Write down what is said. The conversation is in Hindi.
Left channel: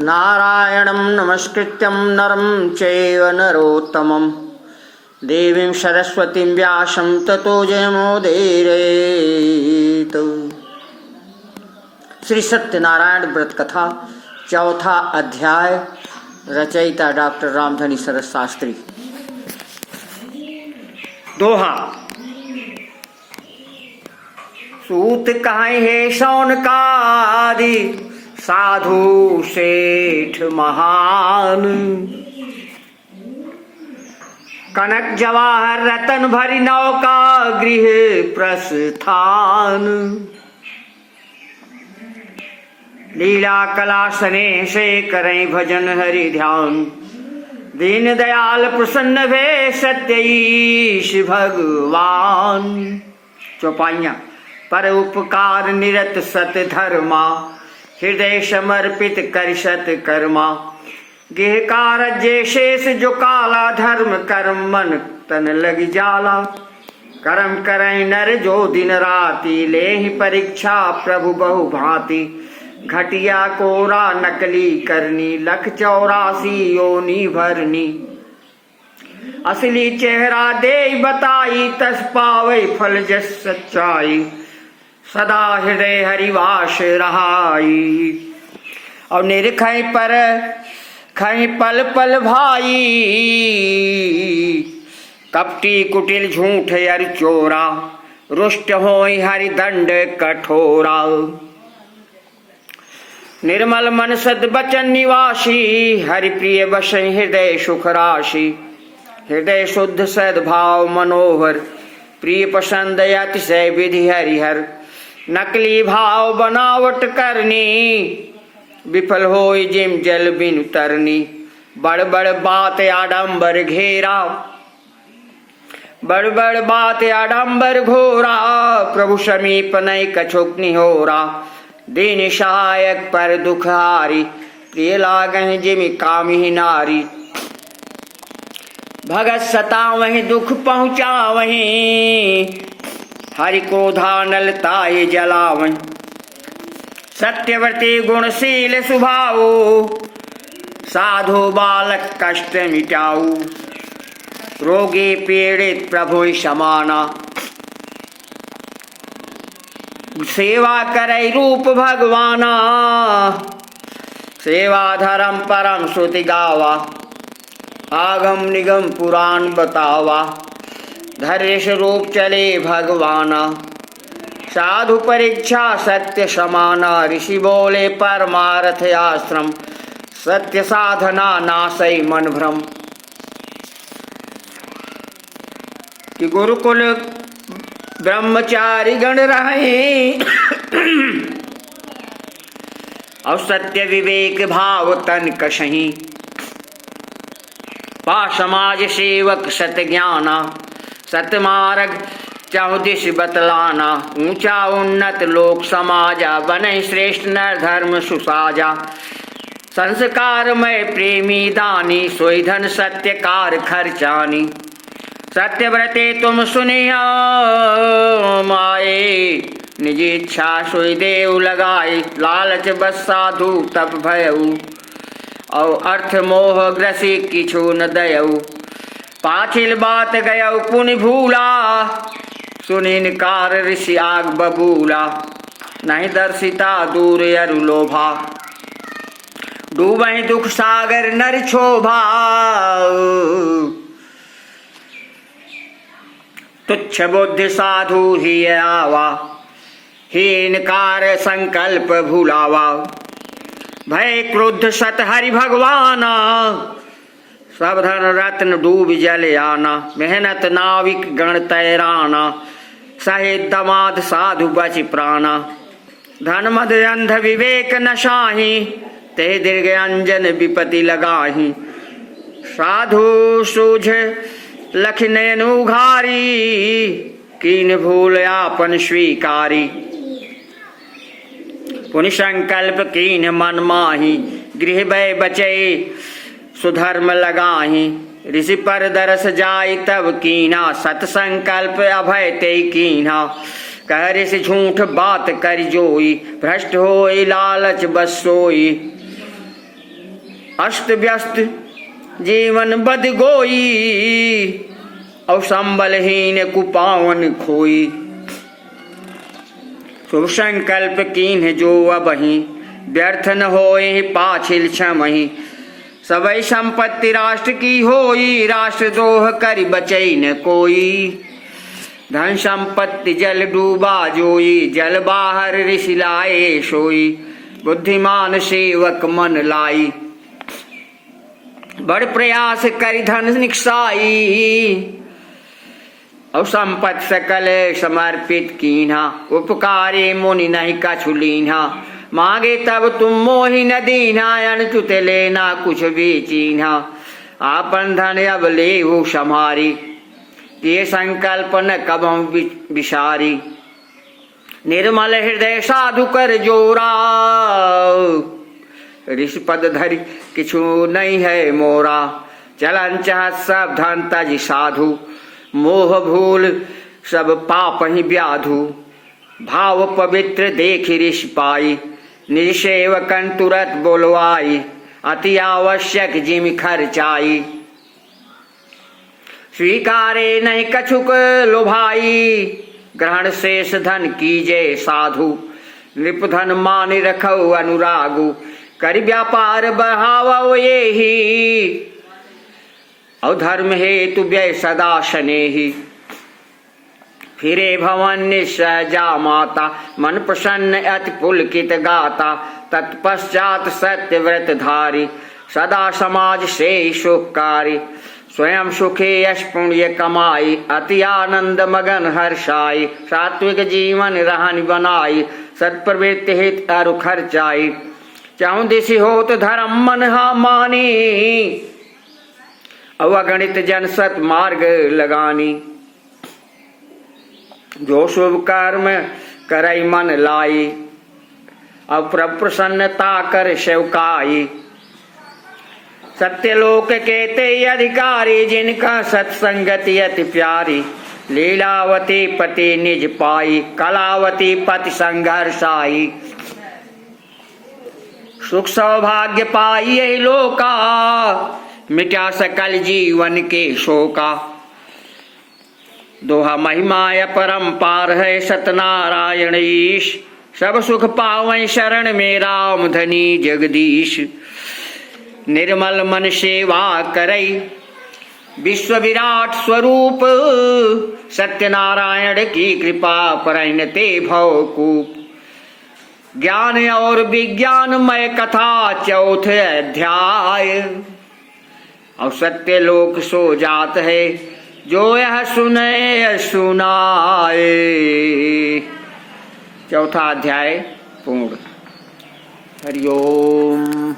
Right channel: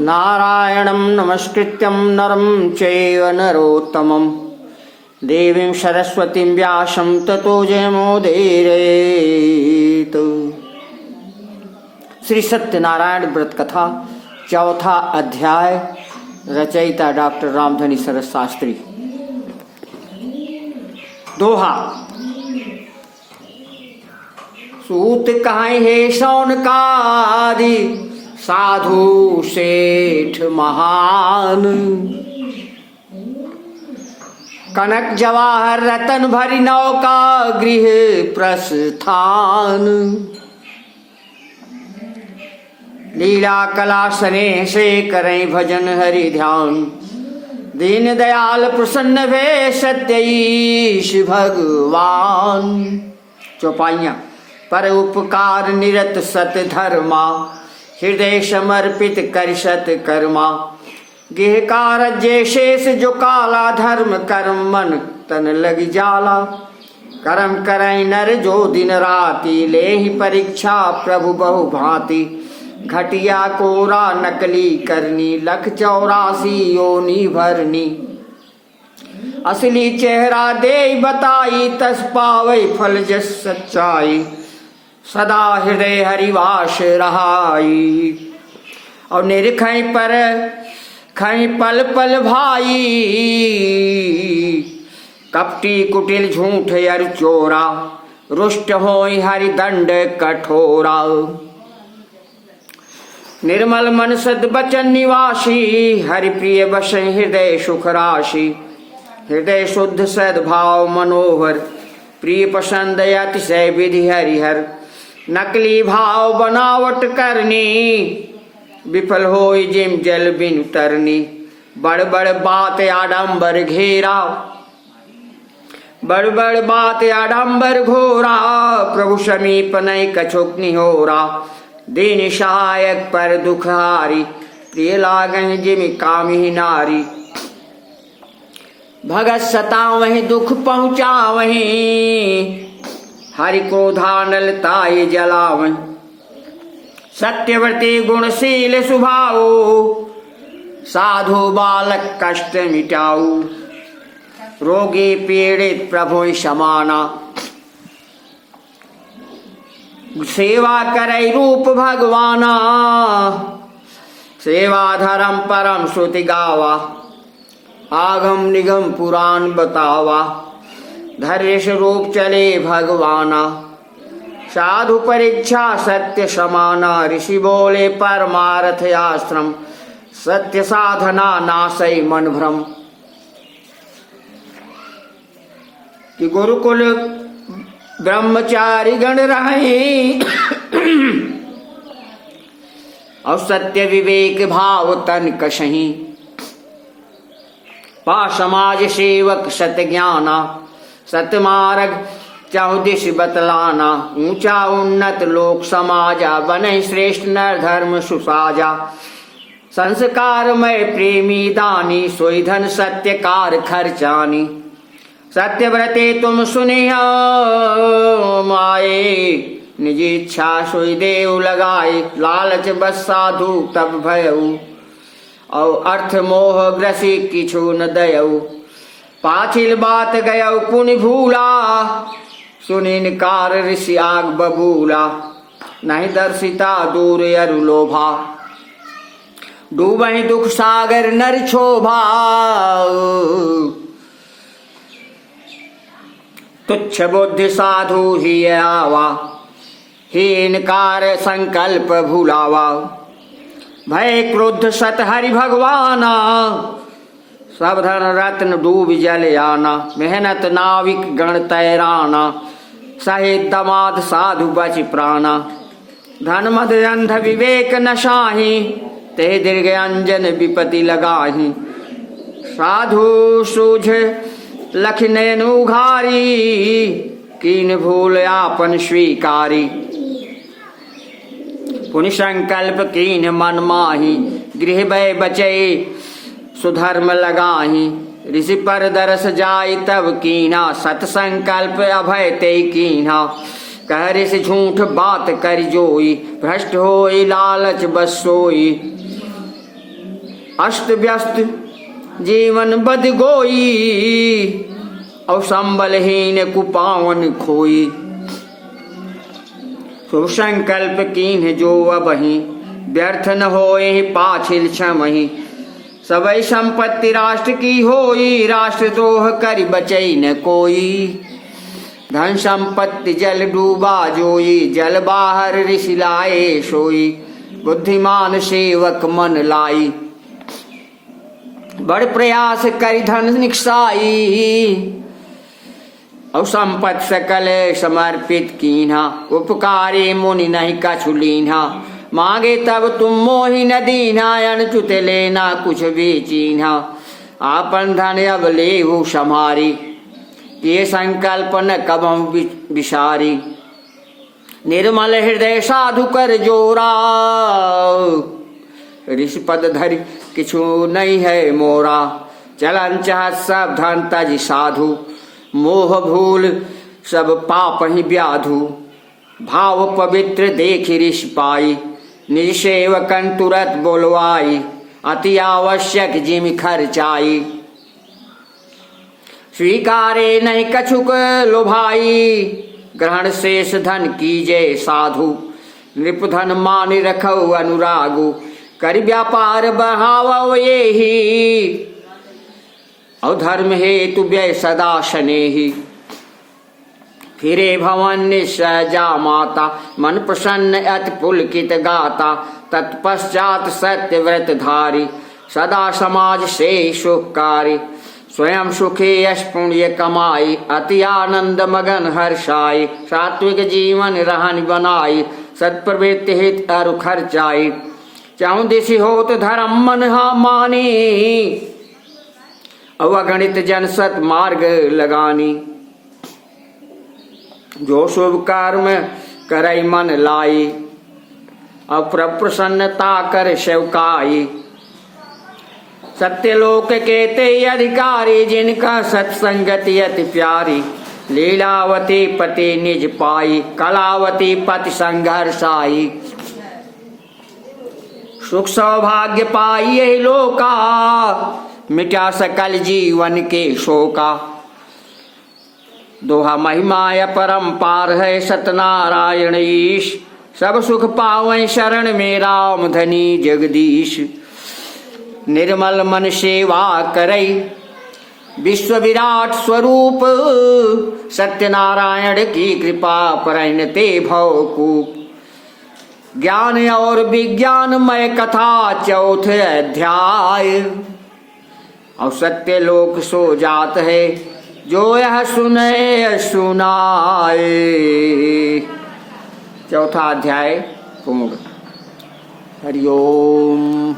नारायणं नमस्कृत्यं नरं चैव नरोत्तमं देवीं सरस्वतीं व्यासं ततो जयमुदीरयेत्। श्री सत्यनारायण व्रत कथा चौथा अध्याय। रचयिता डॉक्टर रामधनी सरस शास्त्री। दोहा। सूत कहां है शौनकादि साधु सेठ महान, कनक जवाहर रतन भरी नौका गृह प्रस्थान। लीला कला स्नेह से करें भजन हरि ध्यान, दीन दयाल प्रसन्न वे सत्य ईश भगवान। चौपाइयाँ। पर उपकार निरत सत धर्मा, हृदय समर्पित कर सत कर्मा। गेह कारज्य शेष जो काला, धर्म कर्म मन तन लगी जाला। कर्म करें नर जो दिन राति, ले ही परीक्षा प्रभु बहु भांति। घटिया कोरा नकली करनी, 184 योनि भरनी। असली चेहरा दे बताई, तस पावे फल जस सच्चाई। सदा हृदय हरिवास रहाई, और निरखै पर खै पल पल भाई। कपटी कुटिल झूठ अर चोरा, रुष्ट होई हरि दंड कठोरा। निर्मल मन सद बचन निवासी, हरि प्रिय बसै हृदय सुख राशि। हृदय शुद्ध सद्भाव मनोहर, प्रिय पसंद अतिशय विधि हरिहर। नकली भाव बनावट करनी, विफल होई जिम जल बिन तरनी। बड़ बड़ बात आडंबर घेरा, बड़ बड़ बात आडंबर घोरा। प्रभु समीप नहीं कछुक निहोरा, दीन सहायक पर दुखहारी। प्रिय लागहि जिमि कामिहि नारी, भगत सतावहि दुख पहुँचावहि। हरि क्रोधानल ताहि जलावहि, सत्यव्रती गुणशील स्वभाव। साधु बालक कष्ट मिटाऊ, रोगी पीड़ित प्रभु समाना। सेवा करे रूप भगवाना, सेवा धर्म परम श्रुति गावा। आगम निगम पुराण बतावा, धैर्य स्वरूप चले भगवाना। साधु परीक्षा सत्य समाना, ऋषि बोले परमार्थ आश्रम। सत्य साधना नासै मन भ्रम। कि गुरुकुल ब्रह्मचारी गण रहे, और सत्य विवेक भाव तन कशहीं। पा समाज सेवक सत ज्ञाना, सतमार्ग चाहु दिश बतलाना। ऊंचा उन्नत लोक समाजा, बने श्रेष्ठ नर धर्म सुसाजा। संस्कारमय प्रेमी दानी, सोई धन सत्यकार खर्चानी। सत्यव्रते तुम सुनिया माए, निज इच्छा सोई देव लगाई। लालच बस साधु तब भयऊ, और अर्थ मोह ग्रसी किछु न दयऊ। पाछिल बात गयऊ पुनि भूला, सुनिनकार ऋषि आग बबूला। नहीं दर्शिता दूर अरु लोभा, डूबहि दुख सागर नर क्षोभा। तुच्छ बुद्धि साधु ही आवा, हीनकार संकल्प भूलावा। भय क्रोध सत हरि भगवाना, सब धन रत्न डूब जल आना। मेहनत नाविक गण तैराना, सहित दमाद साधु बच प्राणा। धन मद अंध विवेक नशाही, ते दीर्घ अंजन विपति लगाही। साधु सूझ लख नयन उघारी, कीन भूल आपन स्वीकारी। पुनि संकल्प कीन मन माही, गृह भय बचे सुधर्म लगाही। ऋषि पर दरस जाय तब कीना, सत संकल्प अभय ते कीना। कहरे से झूठ बात कर जोई, भ्रष्ट होई लालच बस सोई। अस्त व्यस्त जीवन बद गोई, और संबलहीन कुपावन खोई। शुभ संकल्प कीन्ह जो अबहि, व्यर्थ न होए पाछिल छमहि। सबई संपत्ति राष्ट्र की होई, राष्ट्र द्रोह कर बचई न कोई। धन संपत्ति जल डूबा जोई, जल बाहर ऋषि लाए सोई। बुद्धिमान सेवक मन लाई, बड़ प्रयास करि धन निकसाई। और संपत्ति सकल समर्पित कीन्हा, उपकारी मुनि नहीं कछु लीन्हा। मांगे तब तुम मोहि न दीन्हा, अनचुत लेना कुछ भी चीन्हा। आपन धन अब लेहु सम्हारी, ये संकल्प न कबहु विसारी। निर्मल हृदय साधु कर जोरा, ऋषि पद धरि किछु नहीं है मोरा। चलन चाहत सब धन तज साधु, मोह भूल सब पाप ही व्याधु। भाव पवित्र देख ऋषि पाई, निज सेवकन तुरत बोलवाई। अति आवश्यक जिम खर्चाई, स्वीकारे नहीं कछुक लोभाई। ग्रहण शेष धन कीजे साधु, नृपधन मान रखो अनुरागु। कर व्यापार बढ़ावो येहि, और धर्म हेतु व्यय सदा शनेहि। फिरे भवन निसहजा माता, मन प्रसन्न अति पुलकित गाता। तत्पश्चात सत्य व्रत धारी, सदा समाज से सुखकारी। स्वयं सुखे यश पुण्य कमाई, अति आनंद मगन हर्षाई। सात्विक जीवन रहन बनाई, सत्प्रवृत्ति हित अरु खर्चाई। चाहूं दिशि होत धर्म मन हा मानी, अवगणित जन सत मार्ग लगानी। जो शुभ कर्म करई मन लाई, अपर प्रसन्नता कर सेवकाई। सत्यलोक के ते अधिकारी, जिनका सत्संगति अति प्यारी। लीलावती पति निज पाई, कलावती पति संघर्षाई। सुख सौभाग्य पाई यही लोका, मिटा सकल जीवन के शोका। दोहा महिमा अपरंपार है सतनारायण ईश। सब सुख पावै शरण में राम धनी जगदीश। निर्मल मन सेवा करई, विश्व विराट स्वरूप। सत्यनारायण की कृपा परैन ते भवकूप। ज्ञान और विज्ञानमय कथा चौथ अध्याय। और सत्य लोक सो जात है, जो यह सुने सुनाए। चौथा अध्याय पूर्ण। हरि ओम।